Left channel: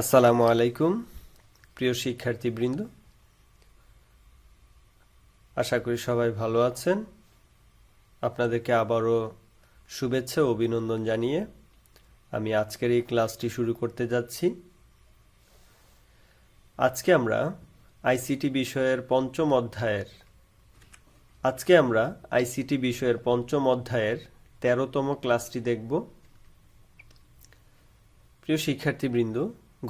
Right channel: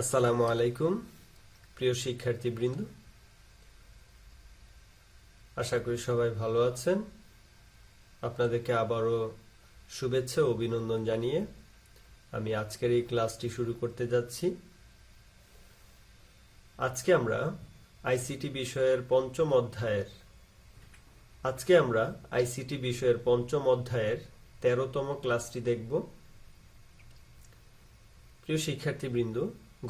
আসসালামু আলাইকুম, প্রিয় শিক্ষার্থীবৃন্দ। আশা করি সবাই ভালো আছেন। আপনাদেরকে আবারও শুভেচ্ছা অভিনন্দন জানিয়ে আমি আজকের এই ক্লাসটি শুরু করতে যাচ্ছি। আজকে আমরা আইসিটি বিষয়ের পঞ্চম অধ্যায়ের, আজকে আমরা আইসিটি বিষয়ের পঞ্চম অধ্যায়ের তেরোতম ক্লাসটি দেখব। প্রিয় শিক্ষার্থীবৃন্দ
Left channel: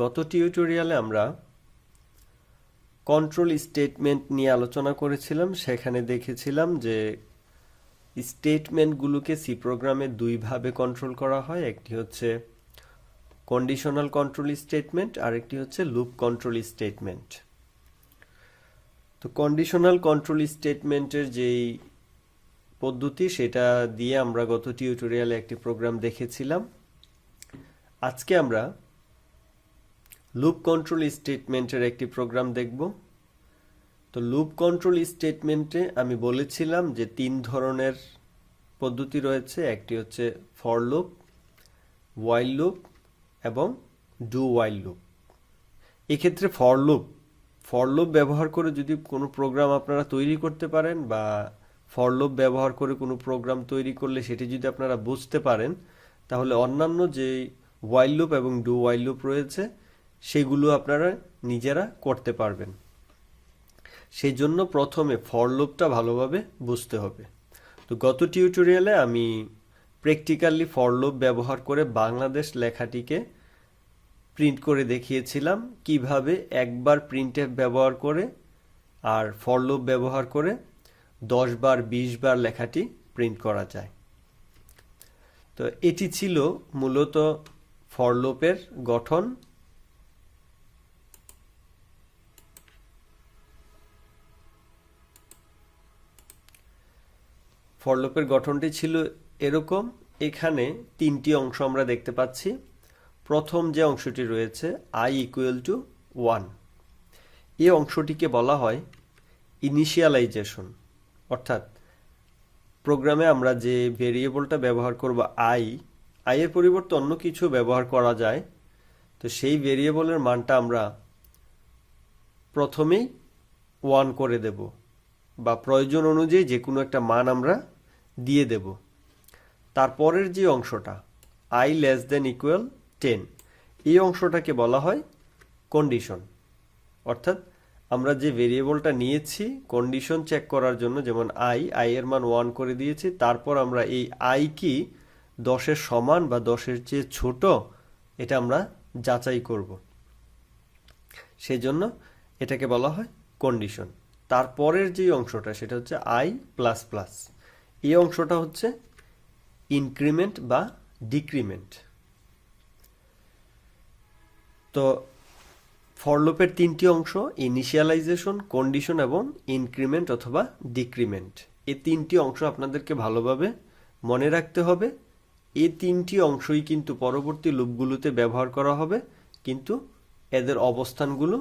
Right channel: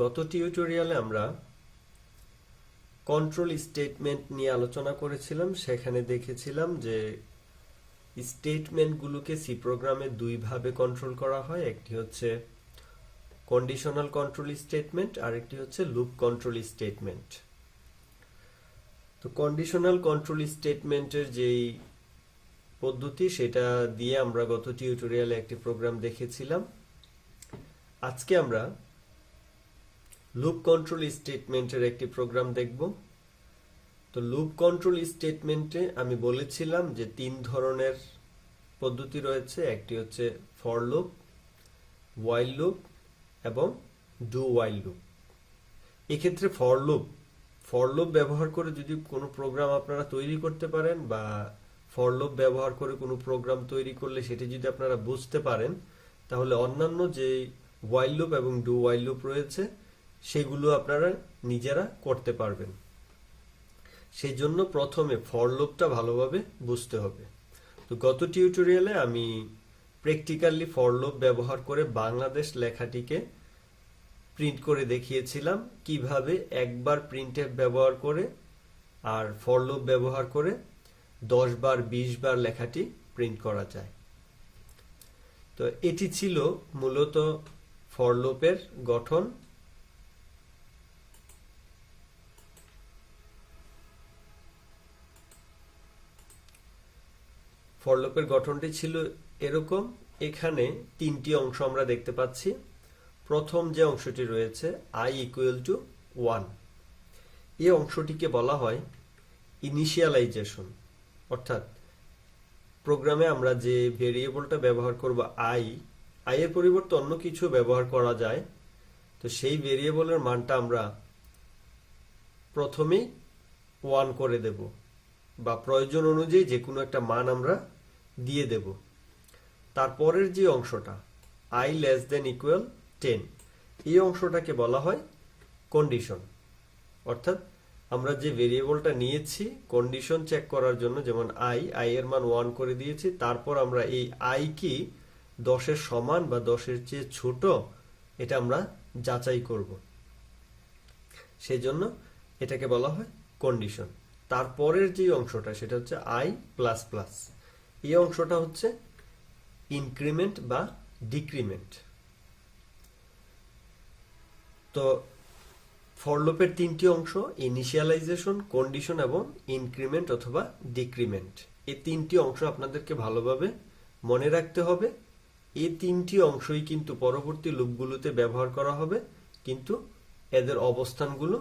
গত টিউটোরিয়ালে আমরা কন্ট্রোল স্টেটমেন্ট নিয়ে আলোচনা করেছিলাম। সেখানে দেখেছিলাম যে স্টেটমেন্টগুলোকে সি প্রোগ্রামে দুইভাবে কন্ট্রোল করা হয়। একটি হচ্ছে কন্ডিশনাল কন্ট্রোল স্টেটমেন্ট আর একটি হচ্ছে লুপ কন্ট্রোল স্টেটমেন্ট তো কন্ডিশনাল কন্ট্রোল স্টেটমেন্টের যেই পদ্ধতি, সেটা দিয়ে আমরা গত টিউটোরিয়ালে একটি প্রোগ্রাম দেখেছিলাম। আজকে আমরা লুপ কন্ট্রোল স্টেটমেন্টের একটি প্রোগ্রাম দেখব। তো লুপ কন্ট্রোল স্টেটমেন্টে আমি বলেছিলাম যে তিন ধরনের পদ্ধতি রয়েছে। একটি হচ্ছে ফর লুপ ওয়াইল লুপ এবং ডু ওয়াইল লুপ এক্ষেত্রে ফর লুপ ফর লুপ ব্যবহার করে যদি কোনো প্রোগ্রাম আপনারা তৈরি করতে পারেন বা ফর লুপ ব্যবহার করে কোনো প্রোগ্রাম তৈরি করলে সেটি যদি আপনারা বুঝতে পারেন, তাহলে অন্যান্য যে ওয়াইল লুপ এবং ডু ওয়াইল লুপ রয়েছে সেগুলো আপনারা নিজেরা করতে পারবেন। সেই জন্য প্রথমে ফর লুপটা ভালোভাবে বুঝতে হবে। তো গত টিউটোরিয়ালে আমি প্র্যাকটিক্যালি ফর লুপ ব্যবহার করে বাংলাদেশ লেখাটিকে প্রিন্ট করে দেখিয়েছিলাম, কীভাবে একবার প্রিন্টএফ ব্যবহার করে আর ফর লুপ ব্যবহার করে দশ বার, বিশ বার লেখাটি প্রিন্ট করা যায়। তো এটি ছিল মূলত ফর লুপের গঠন ফরলোপের গঠনটি ছিল এরকম। এখানে তিনটি অংশ আমরা দেখতে পাচ্ছি। প্রথম যে অংশটি রয়েছে আই ইকুয়াল টু ওয়ান এই অংশটিকে বলা হয় ইনিশিয়ালাইজেশন অর্থাৎ প্রোগ্রামে আমরা যে ভেরিয়েবলটা ব্যবহার করব আই আই এর পরিবর্তে অন্য কিছু ব্যবহার করা যায়। তো সেই ভেরিয়েবলের মানটা আমরা প্রথমেই ওয়ান করে দেব। বা প্রয়োজন অনুযায়ী যে কোনো একটা মান আমরা দিয়ে দেব। তারপরের যে অংশটা I less than equal ten এই অংশটাকে বলা হয় কন্ডিশন অর্থাৎ আমরা যে ভেরিয়েবলটা নিয়েছি কন্ডিশন চেক করার জন্য, যেমন আই আই এর মান ওয়ান করে দিয়েছি, তারপর আমরা এই আই কি দশের সমান বা দশের চেয়ে ছোট, এটা আমরা যাচাই করব। সেই জন্য এটাকে বলা হয় কন্ডিশন তারপরের যে অংশটা, সেটা হচ্ছে আই প্লাস প্লাস এই অংশটা হচ্ছে ইনক্রিমেন্ট বা ডিক্রিমেন্ট তো ফরলোপের তিনটি অংশ ইনিশিয়ালাইজেশন কন্ডিশন এবং ইনক্রিমেন্ট অথবা ডিক্রিমেন্ট এই তিনটি অংশ আপনাদেরকে ভালোভাবে মনে রাখতে হবে। এই তিনটি অংশই কিন্তু পরবর্তী লুপগুলোতে ব্যবহার করা হবে, কিন্তু এদের অবস্থানগুলো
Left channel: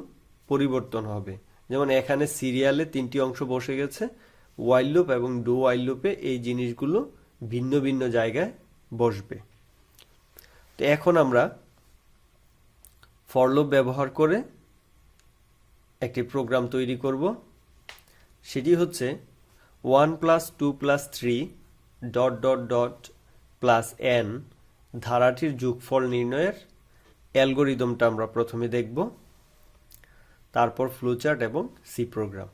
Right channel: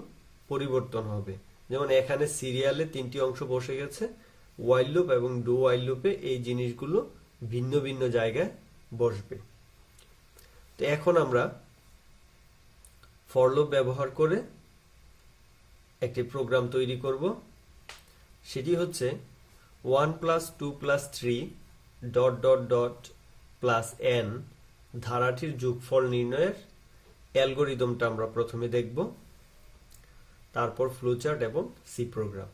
পরিবর্তন হবে। যেমন এখানে সিরিয়ালে তিনটি অংশ বসে গেছে ওয়াইল লুপ এবং ডো ওয়াইল লুপে এই জিনিসগুলো ভিন্ন ভিন্ন জায়গায় বসবে। তো এখন আমরা ফর লুপ ব্যবহার করে একটি প্রোগ্রাম তৈরি করব। সেটি হচ্ছে one plus two plus three dot dot dot plus N ধারাটির যোগফল নির্ণয়ের অ্যালগোরিদমটা আমরা প্রথমে দেখব। তারপর ফ্লোচার্ট এবং সি প্রোগ্রাম।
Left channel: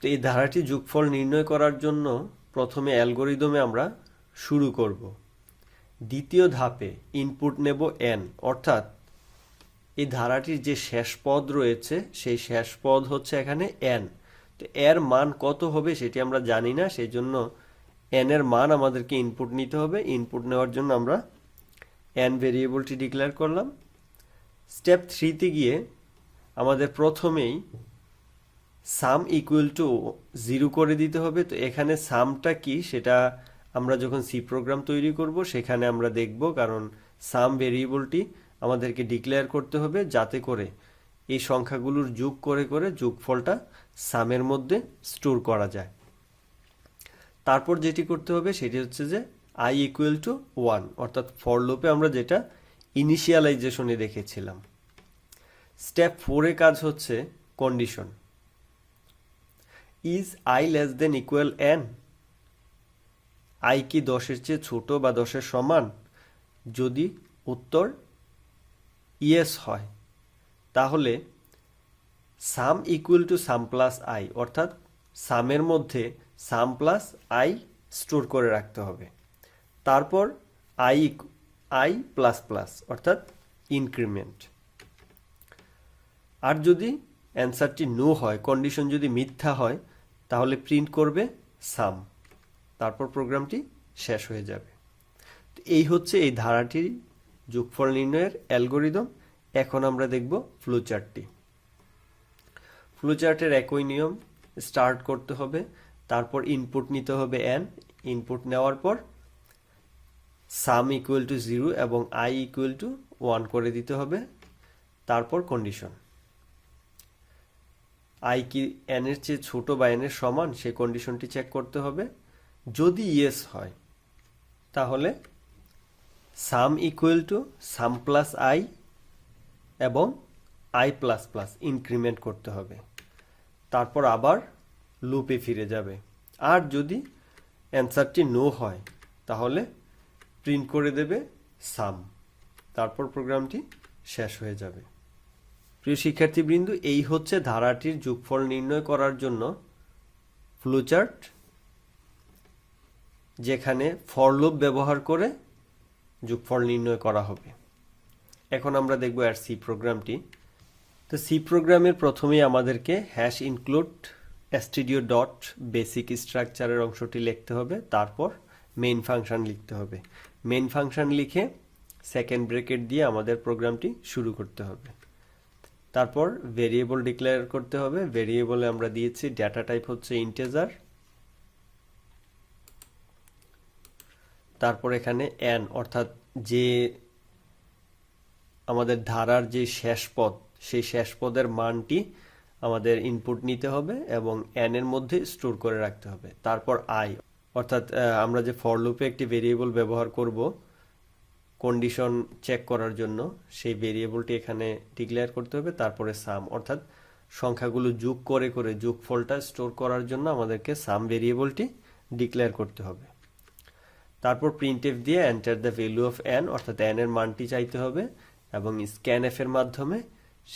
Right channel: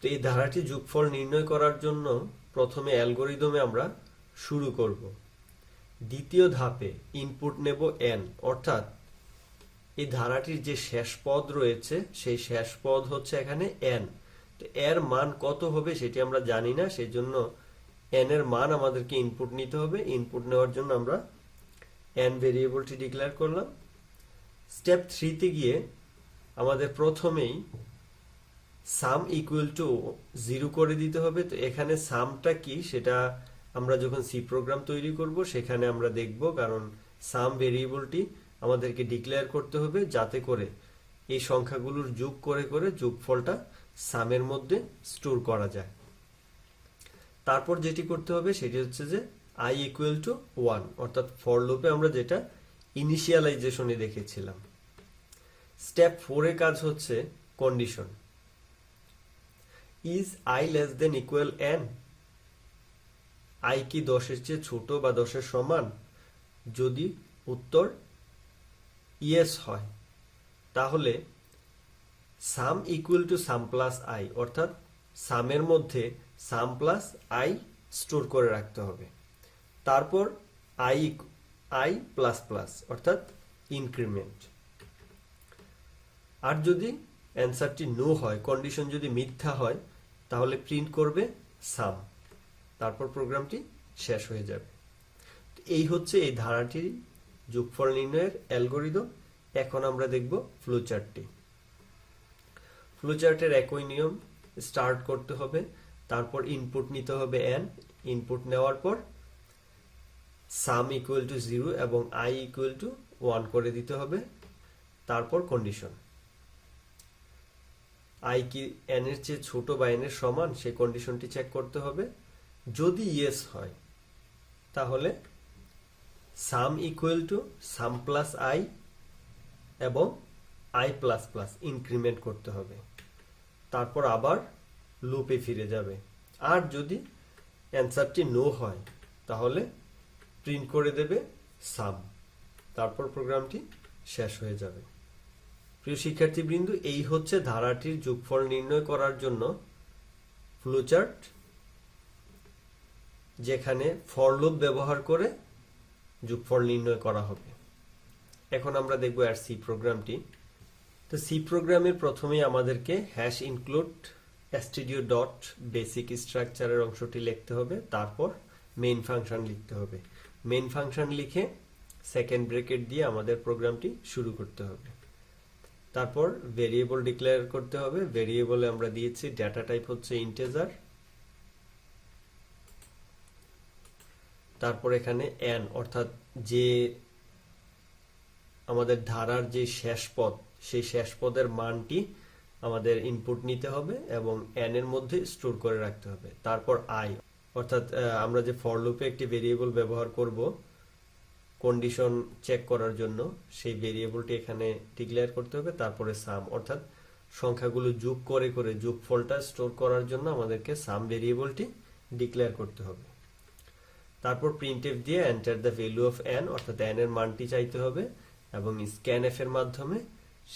তো এই ধারাটি যোগফল নির্ণয় করার জন্য প্রথমে অ্যালগোরিদমে আমরা শুরু করব। দ্বিতীয় ধাপে ইনপুট নেব এন অর্থাৎ এই ধারাটির যে শেষ পদ রয়েছে, সেই শেষ পদ হচ্ছে এখানে এন তো এর মান কত হবে সেটি আমরা জানি না সেই জন্য এন এর মান আমাদেরকে ইনপুট নিতে হবে। ইনপুট নেওয়ার জন্য আমরা এন ভেরিয়েবলটি ডিক্লেয়ার করলাম। স্টেপ থ্রিতে গিয়ে আমাদের প্রথমেই সাম ইকুয়াল টু জিরো করে দিতে হবে। তো এখানে সামটা কি? সেটা আমরা যখন সি প্রোগ্রাম তৈরি করব, সেখানে আমরা দেখব, কারণ সাম ভেরিয়েবলটি আমাদেরকে ডিক্লেয়ার করতে হবে যাতে করে এই সংখ্যাগুলোর যোগ করে করে যোগফলটা সামের মধ্যে স্টোর করা যায়। তারপর যেটি করতে হবে, সেটি হচ্ছে যে আই ইকুয়াল টু ওয়ান অর্থাৎ ফর লুপে আমরা যেটা ইনিশিয়ালাইজেশনে দেখেছিলাম। স্টেপ ফোরে কাজ হচ্ছে condition is I less than equal N I কি দশের চেয়ে ছোট বা দশের সমান? যদি উত্তর ইয়েস হয়, তাহলে sum equal to sum plus I অর্থাৎ সামের মধ্যে সাম প্লাস আই স্টোর করে রাখতে হবে। তারপর আই আই প্লাস প্লাস অর্থাৎ ইনক্রিমেন্ট আর যদি অ্যান্সারটি নো হয় কন্ডিশন যদি মিথ্যা হয়, তাহলে প্রিন্ট করবে সাম তারপর প্রোগ্রামটি শেষ হয়ে যাবে। এই হচ্ছে এই ধারাটির যোগফল নির্ণয়ের অ্যালগোরিদম। এখন আমরা দেখব ফ্লোচার্টটি ফ্লোচার্টের একই নিয়ম স্টার্ট করতে হবে, তারপর ইনপুট নিতে হবে এন ইনপুট নেওয়ার পর সাম ইকুয়াল টু জিরো এবং আই ইকুয়াল টু ওয়ান করে দিতে হবে। তারপর কন্ডিশন আই কি এন এর চেয়ে ছোট বা এন এর সমান, সে কন্ডিশনটি চেক করতে হবে। যদি ইয়েস হয়, তাহলে sum equal to sum plus I এবং আই প্লাস প্লাস ইনক্রিমেন্ট করতে হবে। তারপর আবার লুপে ফিরে যাবে। আর যদি অ্যান্সারটি নো হয়, তাহলে প্রিন্ট করে দেবে সাম তারপর প্রোগ্রামটি শেষ হয়ে যাবে। প্রিয় শিক্ষার্থীবৃন্দ, এই হচ্ছে ধারাটির যোগফল নির্ণয় করার জন্য ফ্লোচার্ট, যেখানে ফরলোপ ব্যবহার করে যোগফল নির্ণয় করা হবে। এখন আমরা দেখব আর সি প্রোগ্রামটি তো সি প্রোগ্রামের প্রথমেই আমাদেরকে hash include studio dot basic স্ট্রাকচারের অংশটি লিখতে হবে, তারপর মেইন ফাংশন লিখতে হবে। মেইন ফাংশন লিখে সেকেন্ড ব্রেকেট দিয়ে আমাদের প্রোগ্রামটি শুরু করতে হবে। তারপর ভেরিয়েবল ডিক্লেয়ার করতে হবে। ভেরিয়েবলে আমরা দিয়েছি ডেটা টাইপ হচ্ছে ইন্টেজার তারপর এখানে অ্যান অর্থাৎ যে আমাদের ধারার যে শেষ পদ, সেই শেষ পদের মানটি আমাদের ইনপুট নিতে হবে এবং অ্যানের মধ্যে স্টোর করে রাখতে হবে। তারপর আই অর্থাৎ আমরা যে ফর লুপে একটি ভেরিয়েবল ব্যবহার করব কন্ডিশন চেক করার জন্য, সেই ভেরিয়েবলটি এখানে ডিক্লেয়ার করতে হবে, তারপরে সাম অর্থাৎ, সংখ্যাগুলো যোগ করে করে যোগফলটা স্টোর করার জন্য আমাদেরকে সাম ভেরিয়েবলটি ডিক্লেয়ার করতে হবে। তারপর প্রিন্টএফ দিয়ে enter the value of N অর্থাৎ এন এর মানটি চাইতে হবে, এবং স্ক্যান এফ এর মাধ্যমে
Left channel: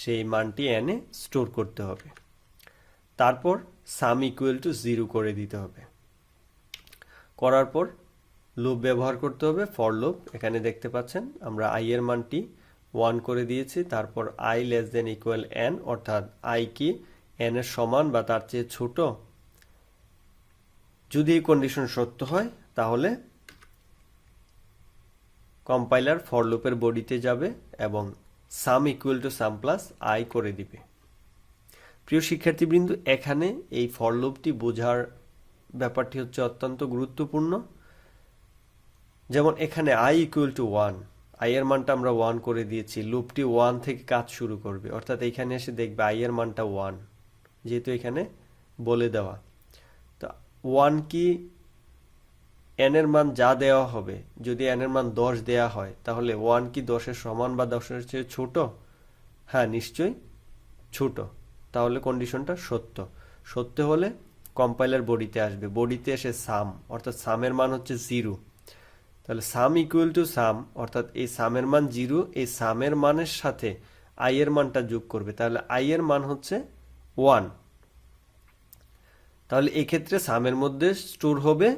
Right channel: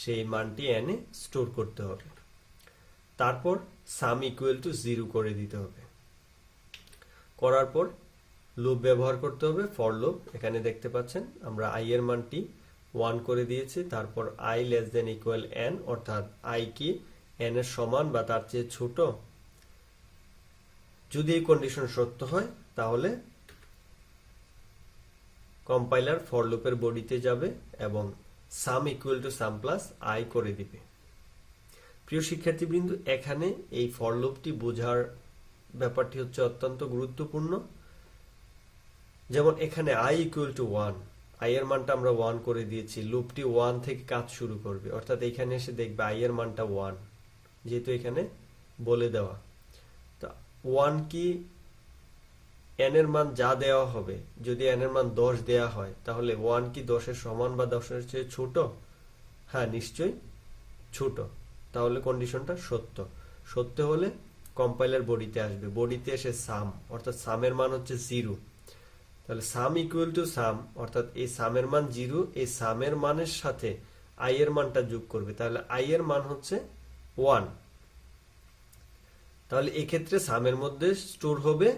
সেই মানটি এনে স্টোর করতে হবে। তারপর সাম ইকুয়াল টু জিরো করে দিতে হবে। করার পর লুপ ব্যবহার করতে হবে ফর লুপ এখানে দেখতে পাচ্ছেন আমরা আই এর মানটি ওয়ান করে দিয়েছি, তারপর I less than equal N অর্থাৎ আই কি এন এর সমান বা তার চেয়ে ছোট? যদি এই কন্ডিশন সত্য হয়, তাহলে কম্পাইলার ফর লুপের বডিতে যাবে এবং sum equal to sum plus I করে দিবে। প্রিয় শিক্ষার্থীবৃন্দ, এখানে এই ফর লুপটি বোঝার ব্যাপারটি হচ্ছে অত্যন্ত গুরুত্বপূর্ণ। যেমন এখানে I equal to one I এর মানটা আমরা ওয়ান করে দিয়েছি, লুপটি ওয়ান থেকে কাজ শুরু করবে। অর্থাৎ এখানে এসে দেখবে আই এর মানটা ওয়ান যেহেতু এখানে বলে দেওয়া। তো ওয়ান কি এন এর মান যা দেওয়া হবে, যদি এন এর মান দশ দেওয়া হয়, তাহলে ওয়ান কি দশের সমান বা দশের চেয়ে ছোট? হ্যাঁ নিশ্চয়ই ছোট। তাহলে কন্ডিশনটা সত্য। সত্য হলে কম্পাইলার বডিতে আসবে। বডিতে এসে সাম অর্থাৎ সামের মান হচ্ছে জিরো তাহলে সাম ইকুয়াল টু সাম অর্থাৎ এই সামের মান জিরো এই সামের মানের সাথে আই এর মানটা যোগ করবে। তাহলে আই এর মান হচ্ছে ওয়ান তাহলে এক্ষেত্রে সামের মধ্যে স্টোর হবে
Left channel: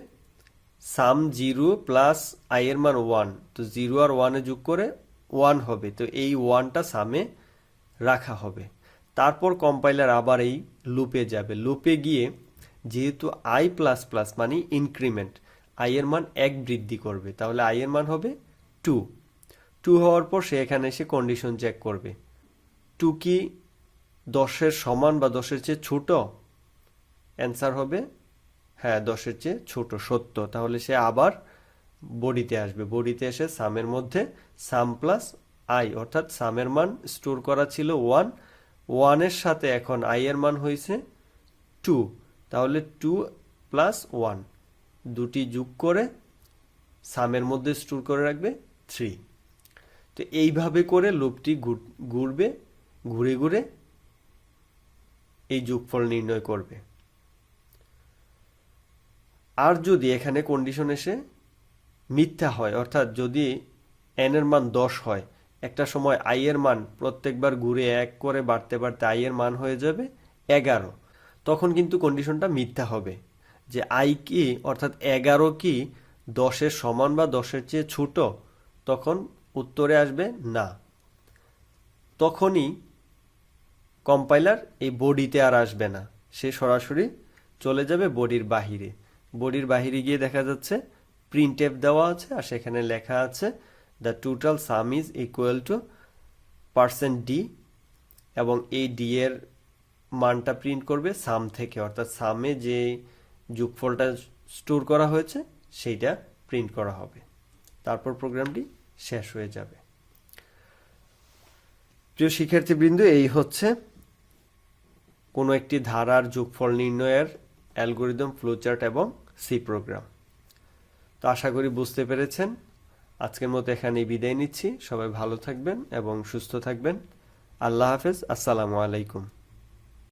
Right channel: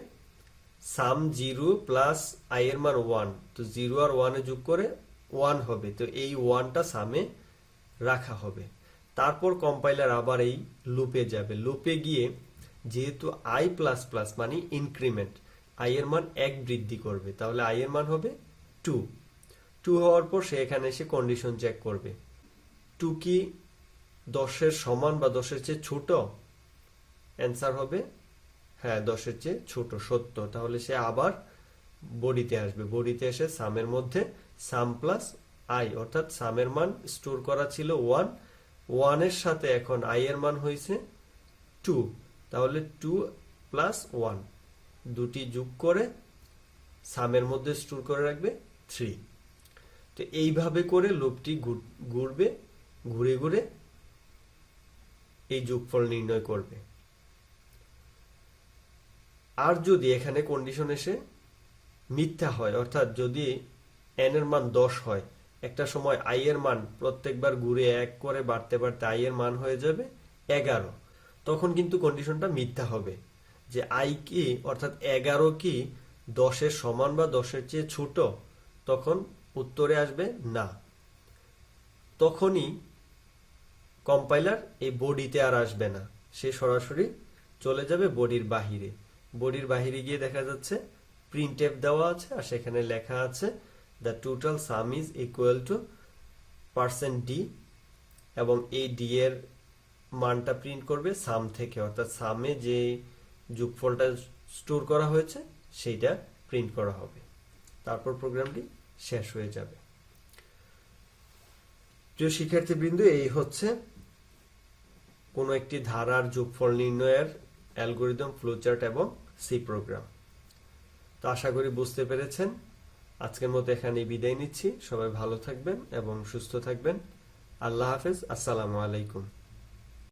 সাম জিরো প্লাস আই এর মান ওয়ান তো জিরো আর ওয়ানে যোগ করে ওয়ান হবে। তো এই ওয়ানটা সামে রাখা হবে। তারপর কম্পাইলার আবার এই লুপে যাবে। লুপে গিয়ে যেহেতু আই প্লাস প্লাস মানে ইনক্রিমেন্ট আই এর মান এক বৃদ্ধি করবে, তাহলে আই এর মান হবে টু টু হওয়ার পর সে এখানে এসে কন্ডিশন চেক করবে। টু কি দশের সমান বা দশের চেয়ে ছোট? অ্যান্সার হবে হ্যাঁ দশের চেয়ে ছোট, সত্য। তাহলে সে আবার বডিতে আসবে। বডিতে এসে সামের মধ্যে সাম প্লাস আই অর্থাৎ সামের মান স্টোর করা ছিল ওয়ান ওয়ানের সাথে এখন আই এর মান হয়েছে টু তাহলে টু প্লাস ওয়ান দুটি যোগ করে সামের মধ্যে স্টোর করে রাখবে থ্রি তো এইভাবে করে লুপটি ঘুর- ঘুরবে ঘুরে ঘুরে এই যোগফল নির্ণয় করবে। আর যদি এখানে কন্ডিশন এসে মিথ্যা হয়, অর্থাৎ যদি এন এর মান দশ হয়, একটা সময় আই এর মান প্রত্যেকবার ঘুরে এক করে বাড়তে বাড়তে আই এর মান হয়ে যাবে এগারো। তখন কিন্তু কন্ডিশনটা মিথ্যা হবে। যে আই কি অর্থাৎ এগারো কি দশের সমান বা দশের চেয়ে ছোট, তখন উত্তরে আসবে না। তখনই কম্পাইলার এই বডিতে আর আসবে না। সে সরাসরি চলে যাবে বডির বাহিরে। বডির বাহিরে গিয়ে দেখা যাচ্ছে প্রিন্ট এফ দেওয়া আছে আর সেখানে লেখা আছে the total sum is equal to percent D এবং এই ডি এর মানটা প্রিন্ট করবে সাম থেকে, অর্থাৎ সামে যে যোগফলটা স্টোর করা হয়েছে, সেইটা প্রিন্ট করা হবে। তারপর প্রোগ্রামটি শেষ হয়ে যাবে। প্রিয় শিক্ষার্থীবৃন্দ, এই হচ্ছে কোনো একটি ধারার যোগফল নির্ণয়ের অ্যালগোরিদম ফ্লোচার্ট এবং সি প্রোগ্রাম তো আশা করি বুঝতে পেরেছেন। আজকের মতো এখানেই বিদায় নিচ্ছি। সবাই ভালো থাকবেন এবং সুস্থ থাকবেন। আল্লাহ হাফেজ। আসসালামু আলাইকুম।